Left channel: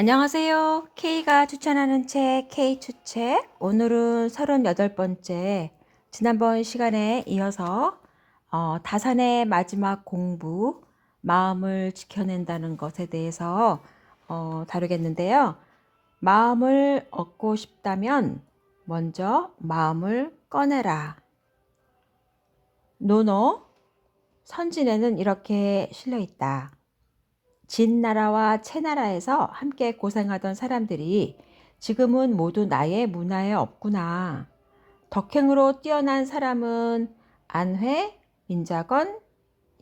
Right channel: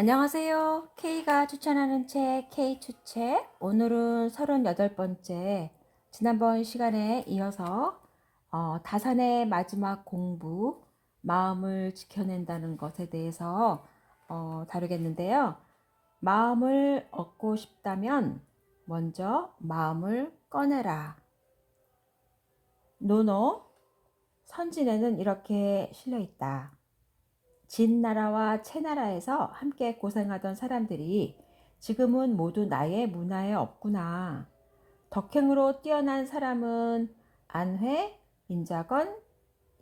안녕하세요. K가 추천하는 책, K추책. 오늘은 38번째. 지난번 시간에 이어서 다산의 마지막 공부, 마음을 지켜낸다는 것에 대해서 다루겠는데요. 마음을 얻고 싶다면 먼저 마음을 꺼내라. 노노, 선진에는 이렇게 실려 있다. 진나라와 채나라에서 함께 고생하던 사람들이 지금은 모두 나의 문화에 없구나. 덕행으로 뛰어난 사람은 안회, 민자건,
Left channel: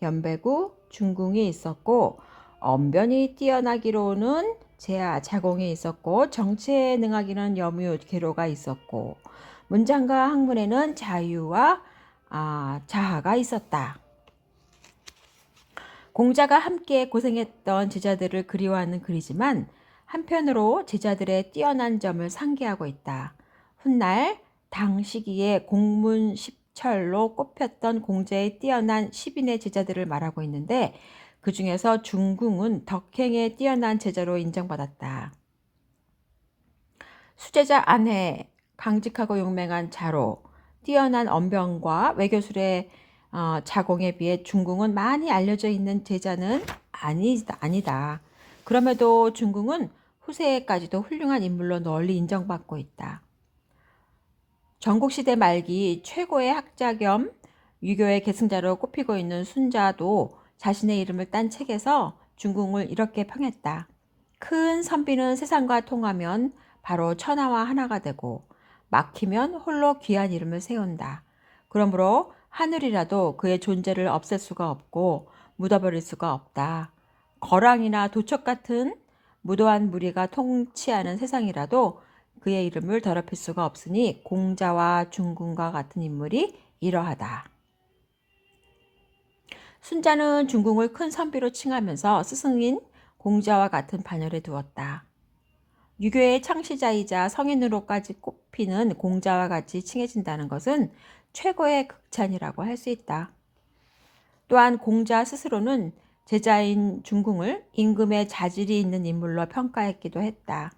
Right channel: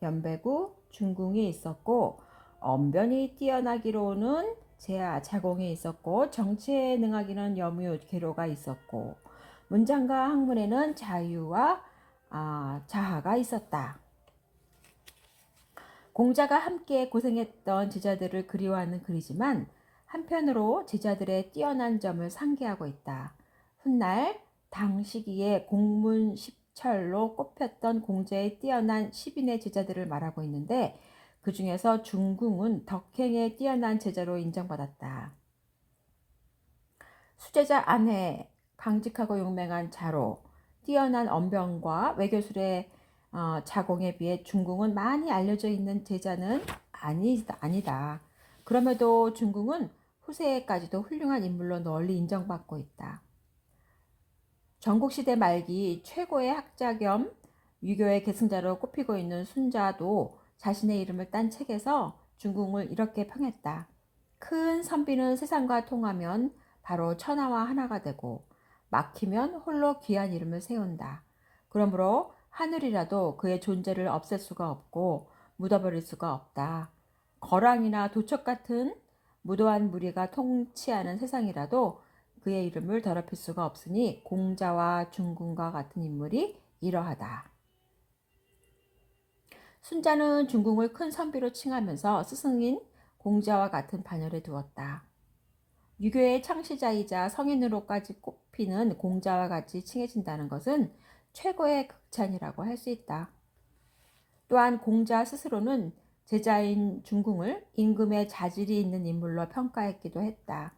연배구, 중궁이 있었고 언변이 뛰어나기로는 제하, 자공이 있었고 정치에 능하기는 여무, 계로가 있었고 문장과 학문에는 자유와 자하가 있었다. 공자가 함께 고생했던 제자들을 그리워하는 글이지만 한편으로 제자들의 뛰어난 점을 상기하고 있다. 훗날 당 시기에 공문십철로 꼽혔던 공자의 뛰어난 10인의 제자들을 말하고 있는데 그 중에서 중궁은 덕행에 뛰어난 제자로 인정받았다. 수제자 안회, 강직하고 용맹한 자로, 뛰어난 언변과 외교술의 자공에 비해 중궁은 많이 알려져 있는 제자는 아니다. 그럼에도 중궁은 후세에까지도 훌륭한 인물로 널리 인정받고 있다. 전국시대 말기 최고의 학자 겸 유교의 계승자로 꼽히고 있는 순자도 자신의 이름을 딴 책에서 중궁을 이렇게 평했다. 큰 선비는 세상과 통하면 바로 천하와 하나가 되고 막히면 홀로 귀한 이름을 세운다. 그러므로 하늘이라도 그의 존재를 없앨 수가 없고 묻어버릴 수가 없다. 거랑이나 도척 같은 무도한 무리가 통치하는 세상이라도 그의 이름을 더럽힐 수가 없으니 공자와 중궁과 같은 인물이 이러하다. 순자는 중궁을 큰 선비로 칭하면서 스승인 공자와 같은 반열에 두었다. 유교의 창시자이자 성인으로까지 꼽히는 공자와 같이 칭해진다는 것은 최고의 극찬이라고 할 수 있다. 또한 공자 스스로는 제자인 중궁을 임금의 자질이 있는 인물로 평가했기도 했다.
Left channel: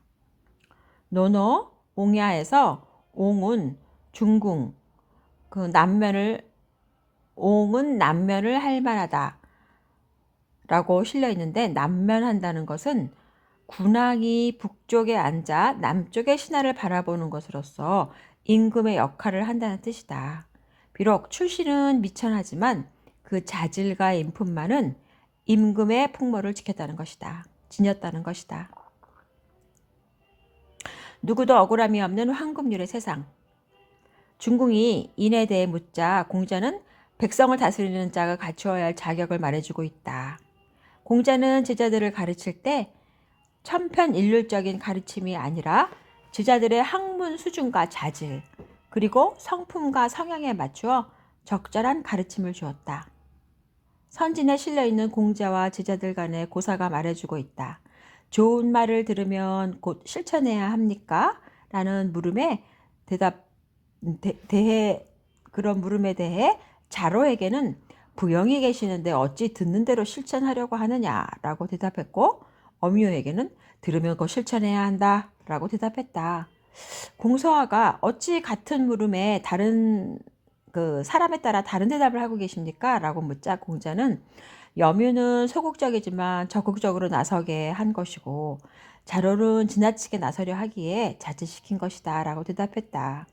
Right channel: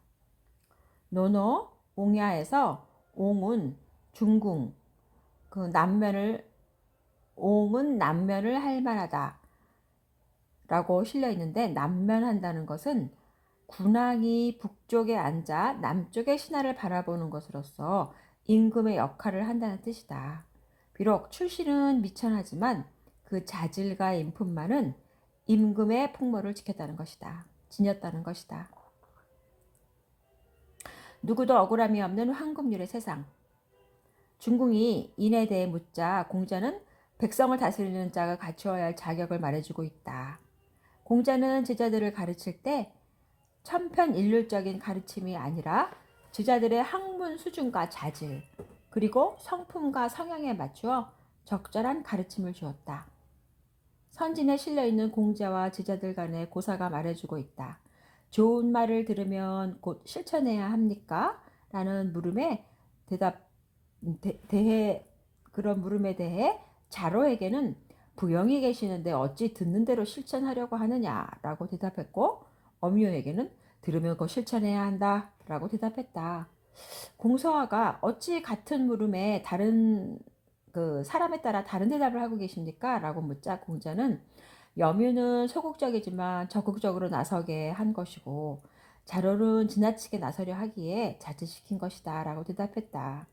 논어 옹야에서 옹은 중궁, 옹은 남면을 할 만하다 라고 실려 있는데 남면한다는 것은 군왕이 북쪽에 앉아 남쪽의 신하를 바라보는 것으로서 임금의 역할을 한다는 뜻이다. 비록 출신은 미천하지만 그 자질과 인품만은 임금의 풍모를 지켰다는 것이다. 지녔다는 것이다. 누구도 억울함이 없는 황금률의 세상. 중궁이 인에 대해 묻자 공자는 백성을 다스리는 자가 갖추어야 할 자격을 말해주고 있다. 공자는 제자들을 가르칠 때 천편일률적인 가르침이 아니라 제자들의 학문 수준과 자질 그리고 성품과 성향에 맞추어 적절한 가르침을 주었다. 선진에 실려있는 공자와 제자들 간의 고사가 말해주고 있다. 좋은 말을 들으면 곧 실천해야 합니까? 라는 물음에 그런 물음에 대해 자로에게는 부영이 계시는데 어찌 듣는 대로 실천하려고 하느냐라고 대답했고 어미요에게는 들으면 곧 실천해야 한다라고 대답했다. 공서화가 어찌 같은 물음에 다른 사람에 따라 다른 대답을 하고 계십니까? 라고 묻자 공자는 염유는 소극적이지만 적극적으로 나서게 한 것이고 자로는 지나치게 나서려 하기에 자제시킨 것이다 라고 대답했다.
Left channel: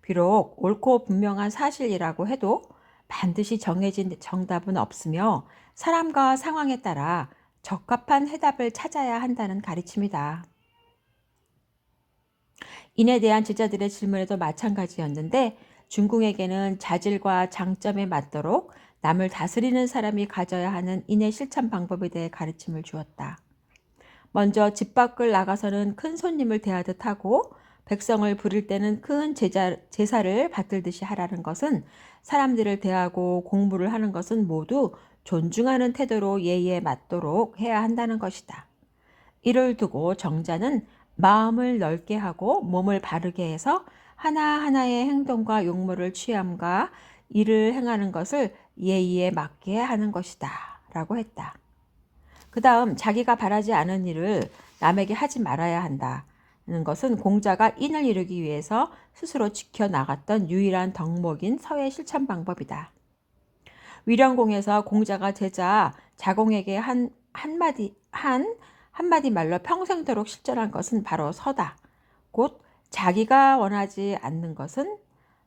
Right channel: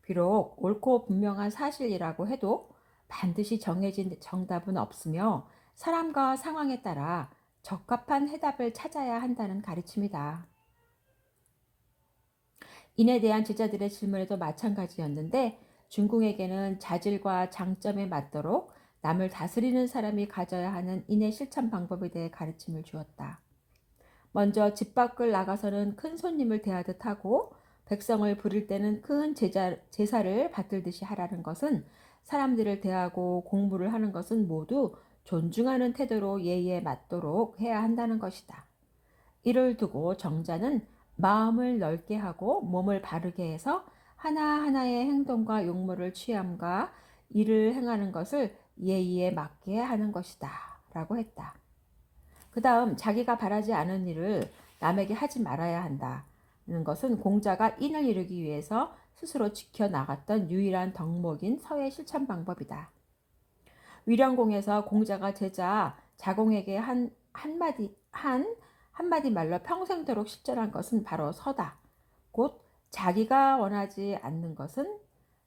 비록 옳고 분명한 사실이라고 해도 반드시 정해진 정답은 없으며 사람과 상황에 따라 적합한 해답을 찾아야 한다는 가르침이다. 인에 대한 제자들의 질문에도 마찬가지였는데 중궁에게는 자질과 장점에 맞도록 남을 다스리는 사람이 가져야 하는 인의 실천 방법에 대해 가르침을 주었다. 먼저 집 밖을 나가서는 큰 손님을 대하듯 하고 백성을 부릴 때는 큰 제사를 받들듯이 하라는 것은 사람들을 대하고 공부를 하는 것은 모두 존중하는 태도로 예의에 맞도록 해야 한다는 것이다. 이를 두고 정자는 마음을 넓게 하고 몸을 바르게 해서 하나하나의 행동과 용모를 취함과 일을 행하는 것을 예의에 맞게 하는 것이다 라고 했다. 그 다음 자기가 바라지 않은 일을 남에게 하지 말아야 한다는 것은 공자가 인을 이루기 위해서 스스로 지켜나갔던 유일한 덕목인 서의 실천 방법이다. 위령공에서 공자가 제자 자공에게 한마디 말로 평생도록 실천한 것은 바로 서다. 곧 자기가 원하지 않는 것은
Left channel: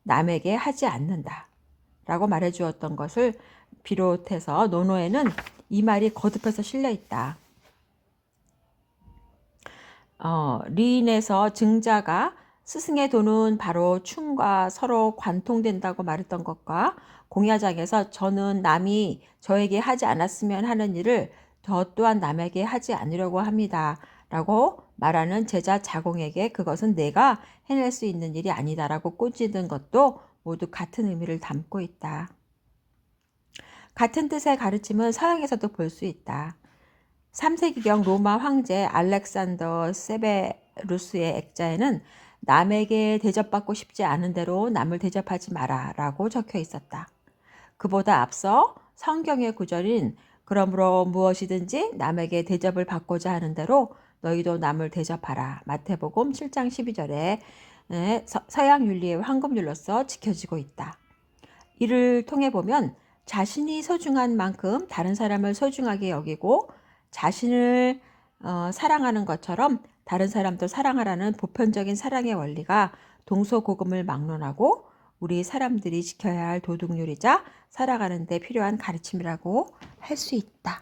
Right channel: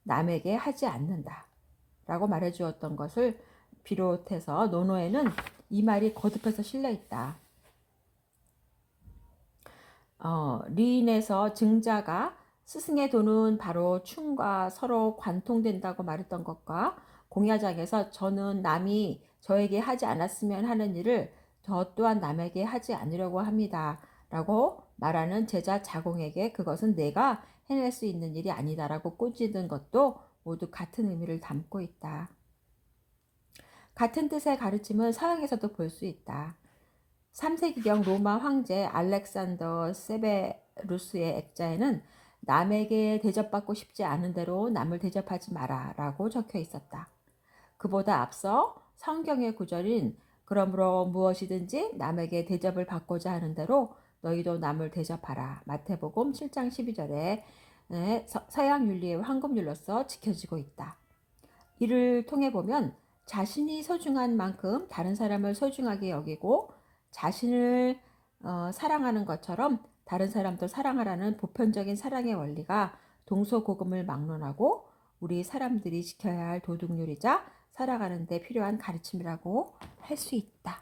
남에게 하지 않는다 라고 말해주었던 것을 비롯해서 논어에는 이 말이 거듭해서 실려있다. 리인에서 증자가 스승의 돈은 바로 충과 서로 관통된다고 말했던 것과 공야장에서 저는 남이 저에게 하지 않았으면 하는 일을 저 또한 남에게 하지 않으려고 합니다 라고 말하는 제자 자공에게 그것은 내가 해낼 수 있는 일이 아니다 라고 꾸짖는 것도 모두 같은 의미를 담고 있다. 같은 뜻의 가르침은 서양에서도 볼 수 있다. 3세기경 로마 황제 알렉산더 세베루스의 액자에는 남에게 대접받고 싶지 않은 대로 남을 대접하지 마라 라고 적혀 있었다. 그보다 앞서 성경의 구절인 그러므로 무엇이든지 남에게 대접을 받고자 하는 대로 너희도 남을 대접하라. 마태복음 7장 12절에 서양 윤리의 황금률로서 지켜지고 있다. 이를 통해 보면 자신이 소중한 만큼 다른 사람을 소중하게 여기고 자신을 사랑하는 것처럼 다른 사람도 사랑하라는 보편적인 사랑의 원리가 동서고금을 막론하고 우리 사람들이 지켜야 할 도덕률이자 살아가는 데 필요한 가르침이라고 할 수 있다.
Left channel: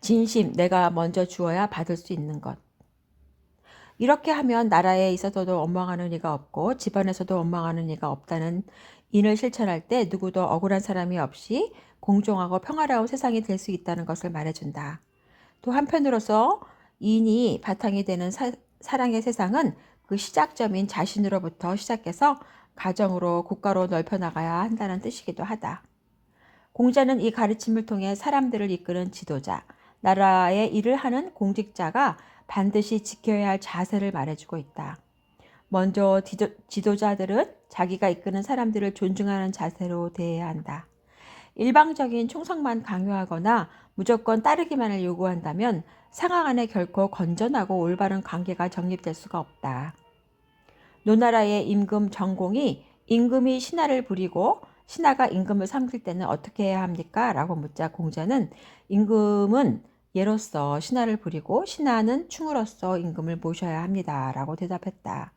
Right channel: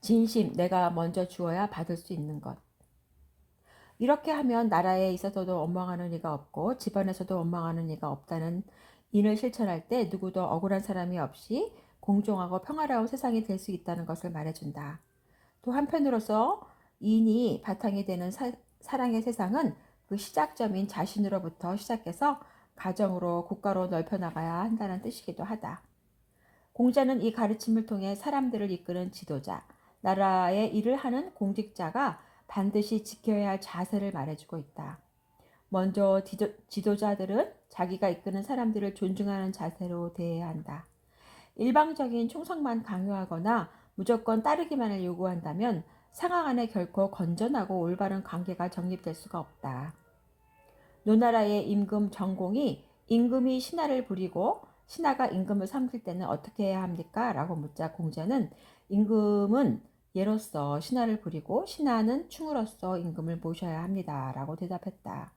진심, 내가 먼저 주어야 받을 수 있는 것. 이렇게 하면 나라에 있어서도 원망하는 이가 없고 집안에서도 원망하는 이가 없다는 인을 실천할 때 누구도 억울한 사람이 없이 공정하고 평화로운 세상이 될 수 있다는 것을 말해준다. 또 한편으로서 인이 바탕이 되는 사랑의 세상은 그 시작점인 자신으로부터 시작해서 가정으로 국가로 넓혀나가야 한다는 뜻이기도 하다. 공자는 이 가르침을 통해 사람들을 이끄는 지도자, 나라의 일을 하는 공직자가 반드시 지켜야 할 자세를 말해주고 있다. 먼저 지도자들은 자기가 이끄는 사람들을 존중하는 자세로 대해야 한다. 일방적인 충성만 강요하거나 무조건 따르기만을 요구한다면 상하 간에 결코 건전하고 올바른 관계가 정립될 수가 없다. 노나라의 임금 정공이 임금이 신하를 부리고 신하가 임금을 섬길 때는 어떻게 해야 합니까? 라고 묻자 공자는 임금은 예로서 신하를 부리고 신하는 충으로서 임금을 모셔야 합니다. 라고 대답했다.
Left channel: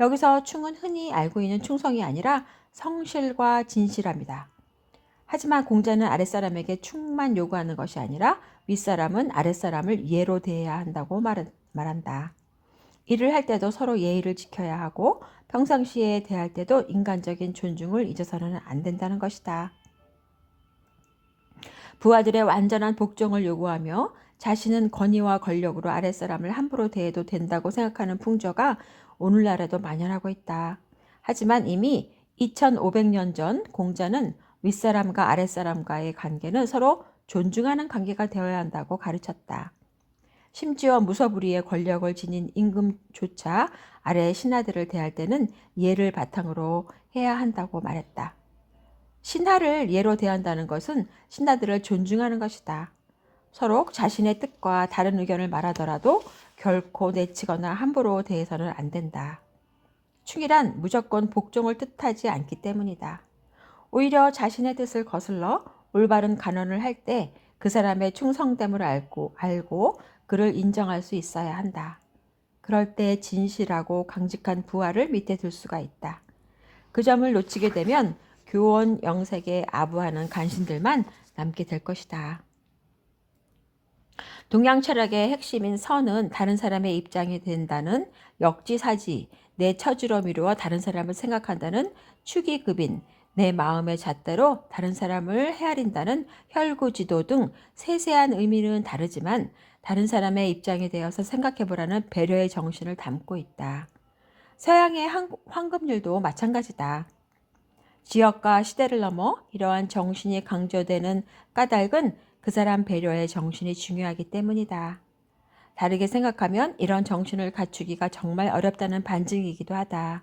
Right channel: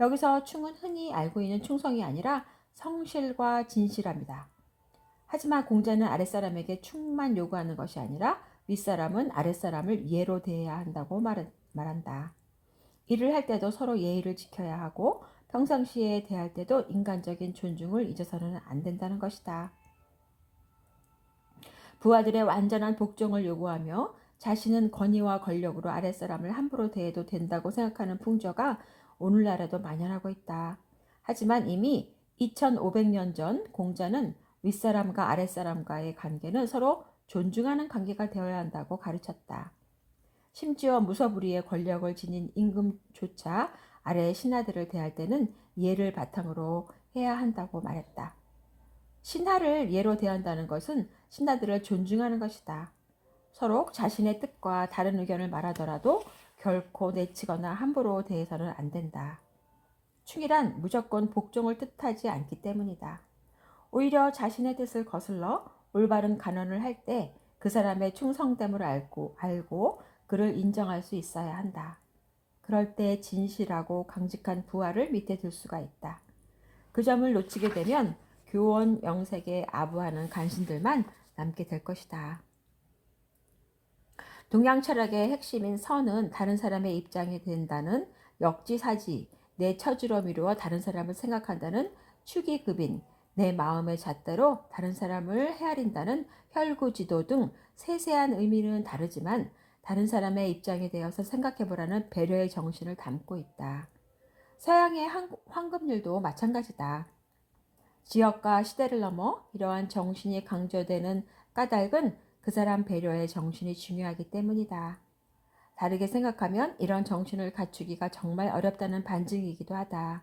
여기서 충은 흔히 알고 있는 충성이 아니라 성실과 진실합니다. 하지만 공자는 아랫사람에게 충만 요구하는 것이 아니라 윗사람은 아랫사람을 예로 대해야 한다고 말한다. 일을 할 때도 서로 예의를 지켜야 하고 평상시에 대할 때도 인간적인 존중을 잊어서는 안 된다는 것이다. 부하들의 완전한 복종을 요구하며 자신은 권위와 권력으로 아랫사람을 함부로 대해도 된다고 생각하는 풍조가 오늘날에도 만연하고 있다. 하지만 이미 2500년 전 공자는 윗사람과 아랫사람과의 관계는 서로 존중하는 관계가 되어야 한다고 가르쳤다. 심지어 무서부리의 권력을 지닌 임금조차 아래 신하들을 대할 때는 예를 바탕으로 해야 한다고 말했다. 신하를 예로 대한다는 것은 신하들을 존중하는 것이다. 서로 자신의 뜻과 다른 의견을 말하더라도 결코 내치거나 함부로 대해서는 안 된다. 충이란 무조건 복종을 뜻하지 않기 때문이다. 오히려 자신의 뜻을 거슬러 올바른 간언을 할 때 그 사람의 충성됨을 알고 그를 인정할 수 있어야 한다. 그럴 때 진실하고 강직한 부하를 밑에 둘 수가 있다. 그 점을 놓치게 되면 교원 영색에 아부하는 간신들만 남게 될 것이다. 동양 철학의 핵심인 선은 다른 사람의 입장이 된다는 역지사지, 내 처지로 미루어 다른 사람을 생각한다는 축의급인, 내 마음의 잣대로 다른 사람을 헤아린다는 혈구지도 등 세세한 의미는 다르지만 다른 사람의 입장에 대해서 생각해보라는 배려의 정신을 담고 있다. 서양의 황금률도 마찬가지다. 지역과 시대를 넘어 이러한 정신이 강조되는 까닭은 그 사람 배려의 정신이 중요하기 때문이다. 다르게 생각하면 이런 정신을 갖추기가 정말 어렵다는 반증이기도 하다.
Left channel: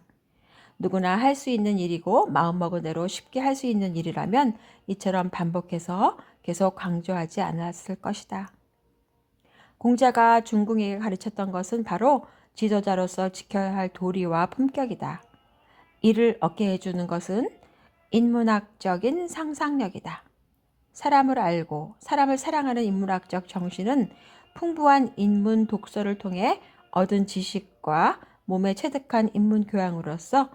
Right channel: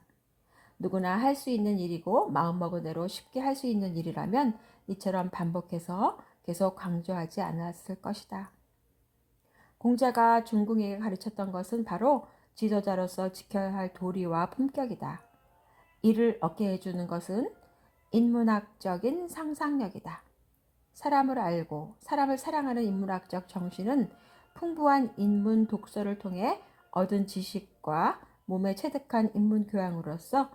누구나 할 수 있는 일이고 마음먹은 대로 쉽게 할 수 있는 일이라면 이처럼 반복해서 계속 강조하지 않았을 것이다. 공자가 중궁에게 가르쳤던 것은 바로 지도자로서 지켜야 할 도리와 품격이다. 이를 얻게 해주는 것은 인문학적인 상상력이다. 사람을 알고 사람을 사랑하는 인문학적 정신은 풍부한 인문 독서를 통해 얻은 지식과 몸에 체득한 인문 교양으로서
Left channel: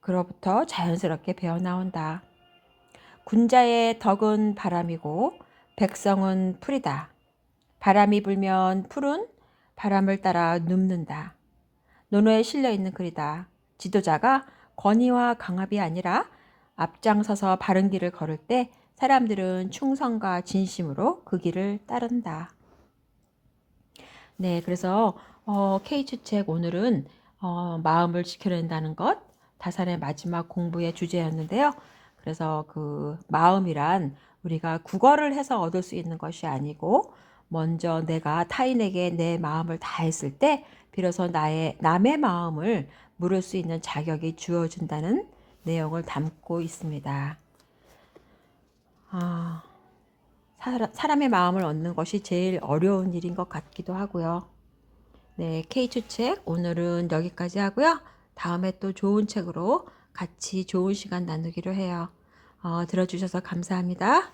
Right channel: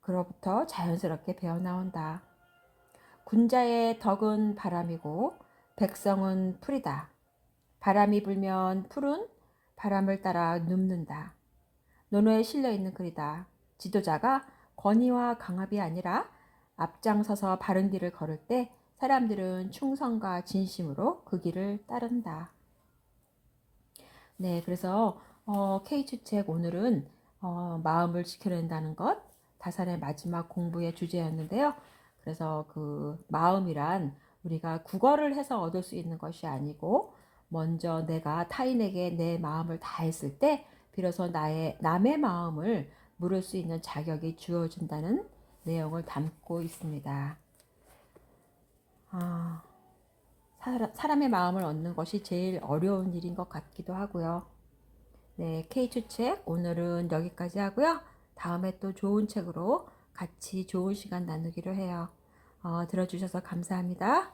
그로부터 자연스럽게 배어나온다. 군자의 덕은 바람이고 백성은 풀이다. 바람이 불면 풀은 바람을 따라 눕는다. 논어에 실려 있는 글이다. 지도자가 권위와 강압이 아니라 앞장서서 바른 길을 걸을 때 사람들은 충성과 진심으로 그 길을 따른다. 네, 그래서 K주책 오늘은 마음을 지켜낸다는 것, 다산의 마지막 공부의 주제였는데요. 그래서 그 마음이란 우리가 국어를 해서 얻을 수 있는 것이 아니고 먼저 내가 타인에게 내 마음을 다했을 때 비로소 남의 마음을 물을 수 있는 자격이 주어진다는 내용을 담고 있습니다. 사람의 마음을 얻는 것이 제일 어려운 일인 것 같기도 하고요. 네, K주책 오늘은 여기까지 하고요. 다음에 또 좋은 책으로 같이 좋은 시간 나누기로 해요. 들어주셔서 감사합니다.